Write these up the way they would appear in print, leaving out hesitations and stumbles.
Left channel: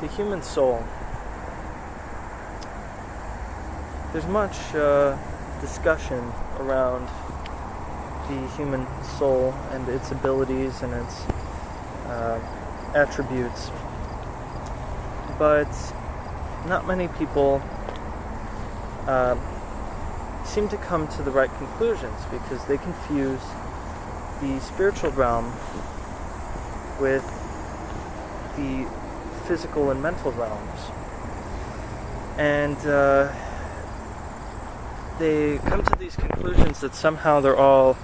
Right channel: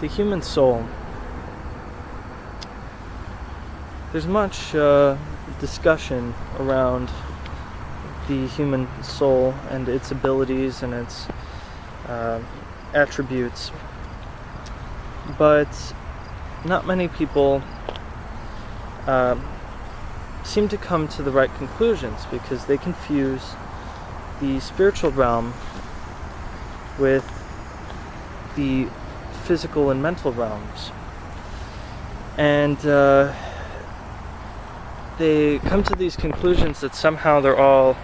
the human soul. There's much discussion around the human soul and its abilities and its attributes, but not many people seem to come to the right conclusions, because they confuse the spiritual realm with the physical and mental realms. And they come to these conclusions that somehow they're all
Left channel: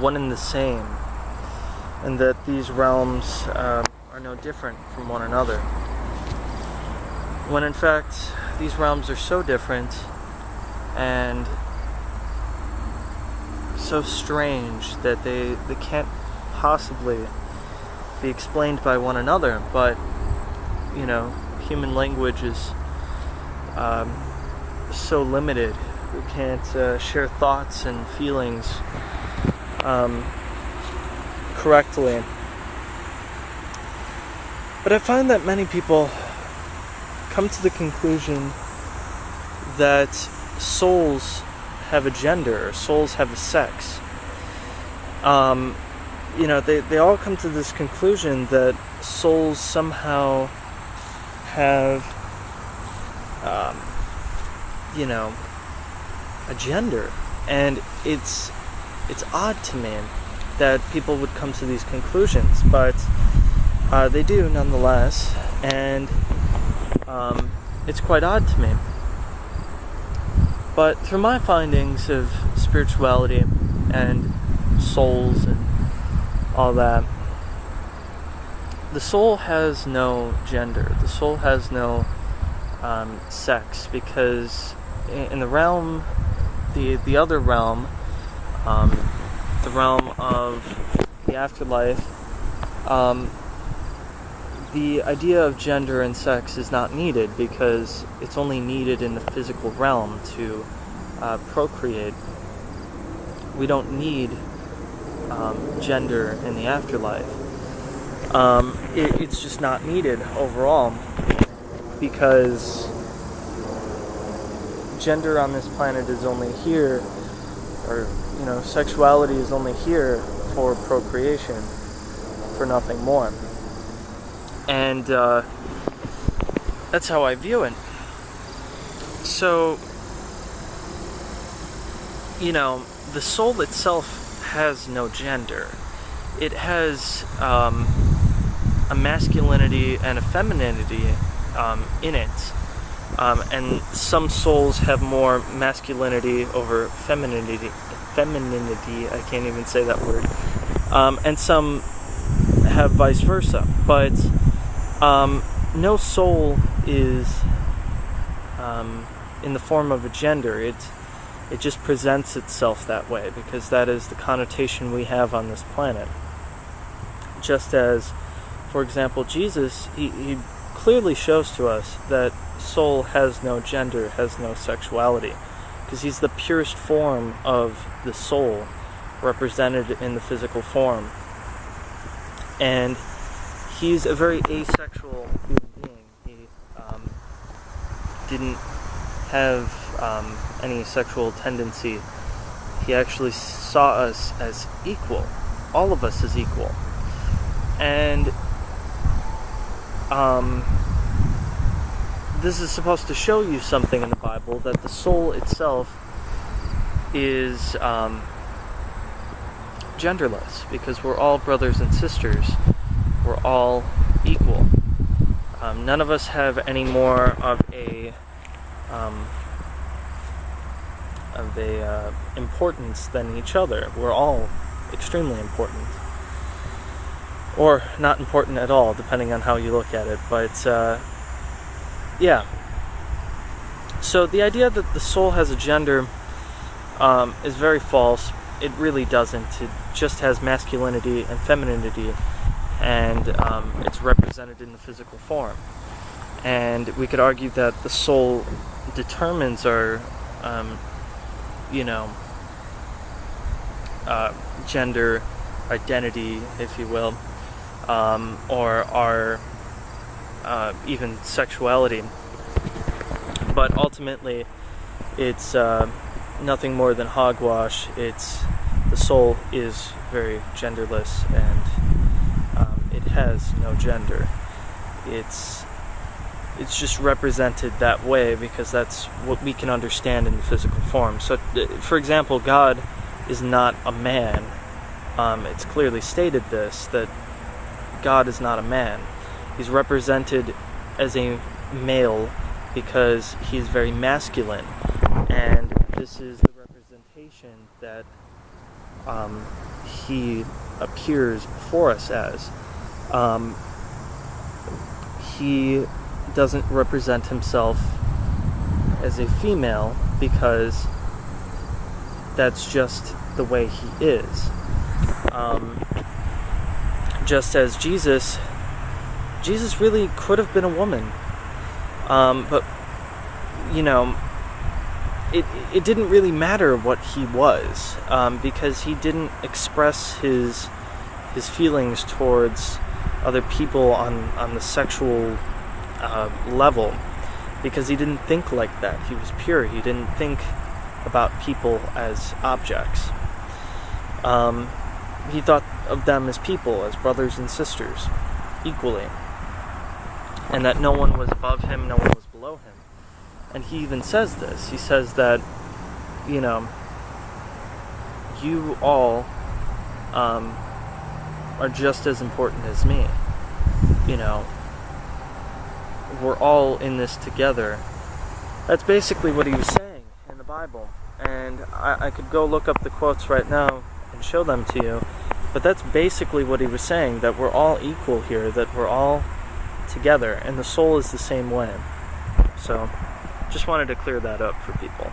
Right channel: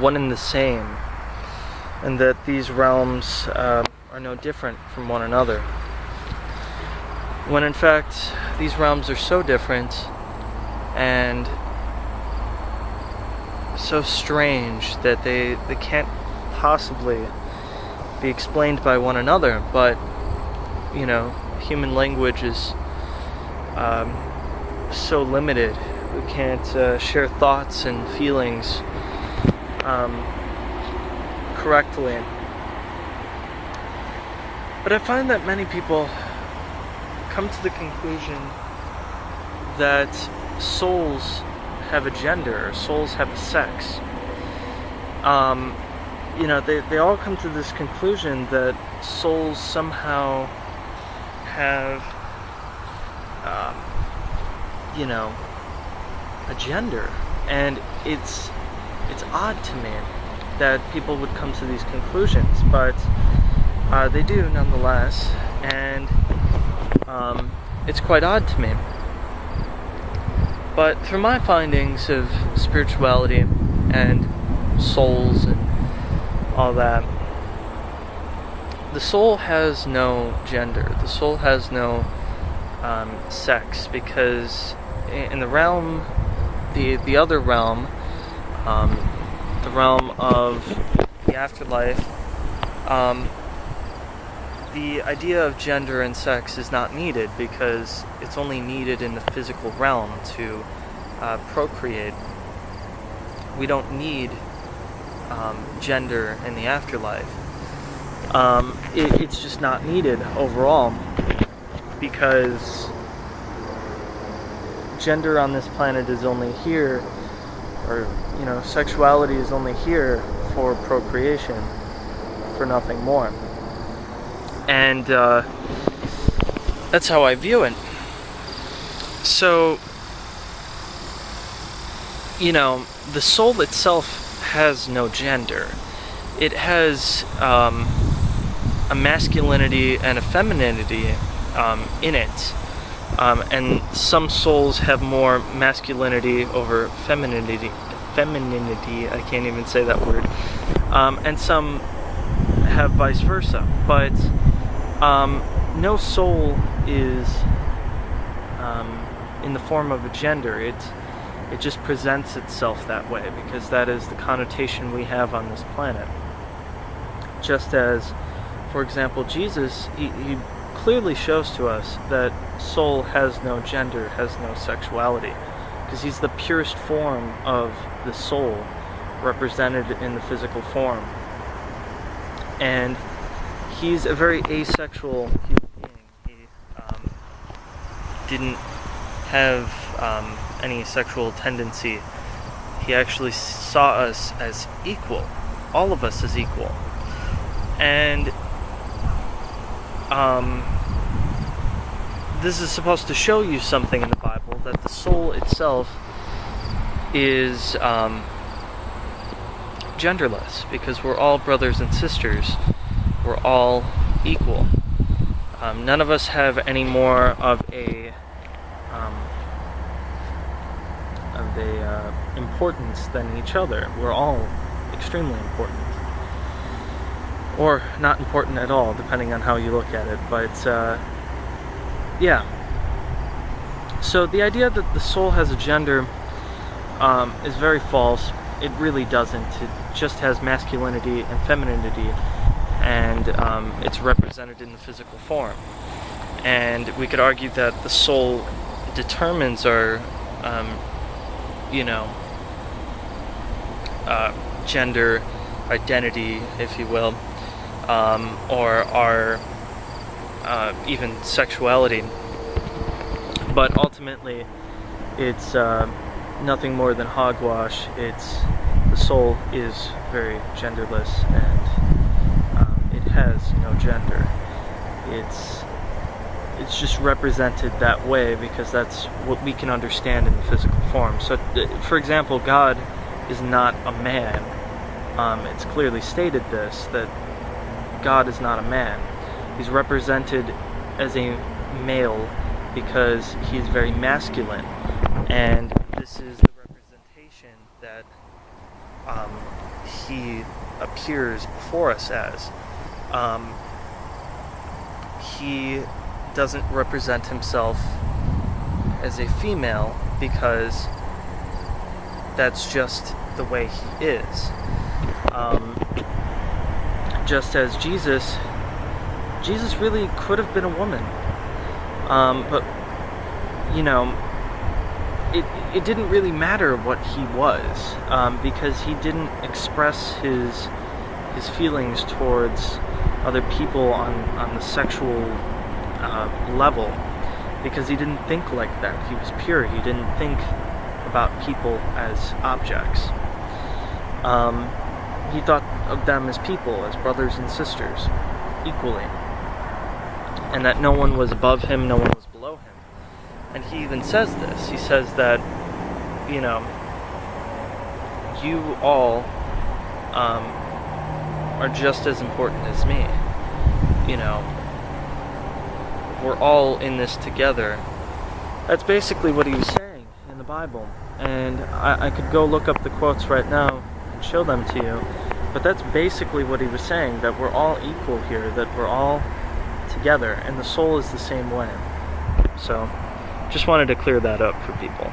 one and the same, and that these realms are no different from one another, when in fact these realms are so different and so strange that they can't possibly be explained by one another. But human language is so limited. We can't share thoughts and feelings correctly. But I find that many people come to the conclusion that souls have a gender, or souls have a sex. They all come to this conclusion that souls somehow have a gender, and it's odd to me that people would come to these conclusions, but they do nonetheless, and it's quite odd to me. But through my findings of spirituality and souls and all that, the soul has no gender. The soul has no sex, because in the realm, the other realm, the realm of the afterlife, the idea of gender and sex is not needed, because it's only needed in the physical realm to procreate. We don't need gender in the afterlife. It's just not needed overall, because gender on this planet is only here, or sexuality is only here for procreation, for nothing more. And that's how I view it. So, the soul itself has no gender. It has a masculinity and a femininity in it. And some souls have more masculinity over femininity. I can't even say that word. And some have vice versa. But no soul is in the form of a gender. It just presents itself that way, because that is the connotation we have on this planet. Just as, for example, Jesus, he clearly shows to us that soul has no gender, has no sexuality, because he's the purest form of the soul represented in the physical form. And he's a very asexual human being. He didn't have any sexual tendency. He actually saw us as equal, all of us as equal. And this is supposed to show you something in the Bible, that the soul itself is genderless, because we're all brothers and sisters. We're all equal. None of us have any more of a importance than each other. We're all extremely important, or not important at all, depending on how you look at it. But yeah. So the idea that the soul has a gender is very false. It really doesn't. It just has masculinity and femininity, and it's represented in the physical form. And we could argue that the soul determines our gender identity, if you will, or our even sexuality. But ultimately, it's nothing more than hogwash. The soul is very genderless, and it has no gender. It's just represented that way because that's what we can understand in the physical form. So, for example, God is not a man. It's clearly stated that God is not a man. He's represented as a male because he's very masculine, and this is the representation that he appears before us as. He doesn't represent himself as a female because that's just the way he is. Just as Jesus really could have been a woman, but it didn't really matter what he was, because he didn't express his feelings towards other people on the sexual level, because he didn't think like that. He was pure. He didn't think about people as objects. He thought of them as people, as brothers and sisters, equally, and that no one was above him, no one was below him. And he even says this. He says that, you all are just as important as me. We're all in this together. That's basically what he was saying in the Bible. And I could go look up the quotes right now and show them to you. But that's basically what he was saying, that we're all equal here, that we're all together, and the soul is the same way. So, just wanted to clear that up for people.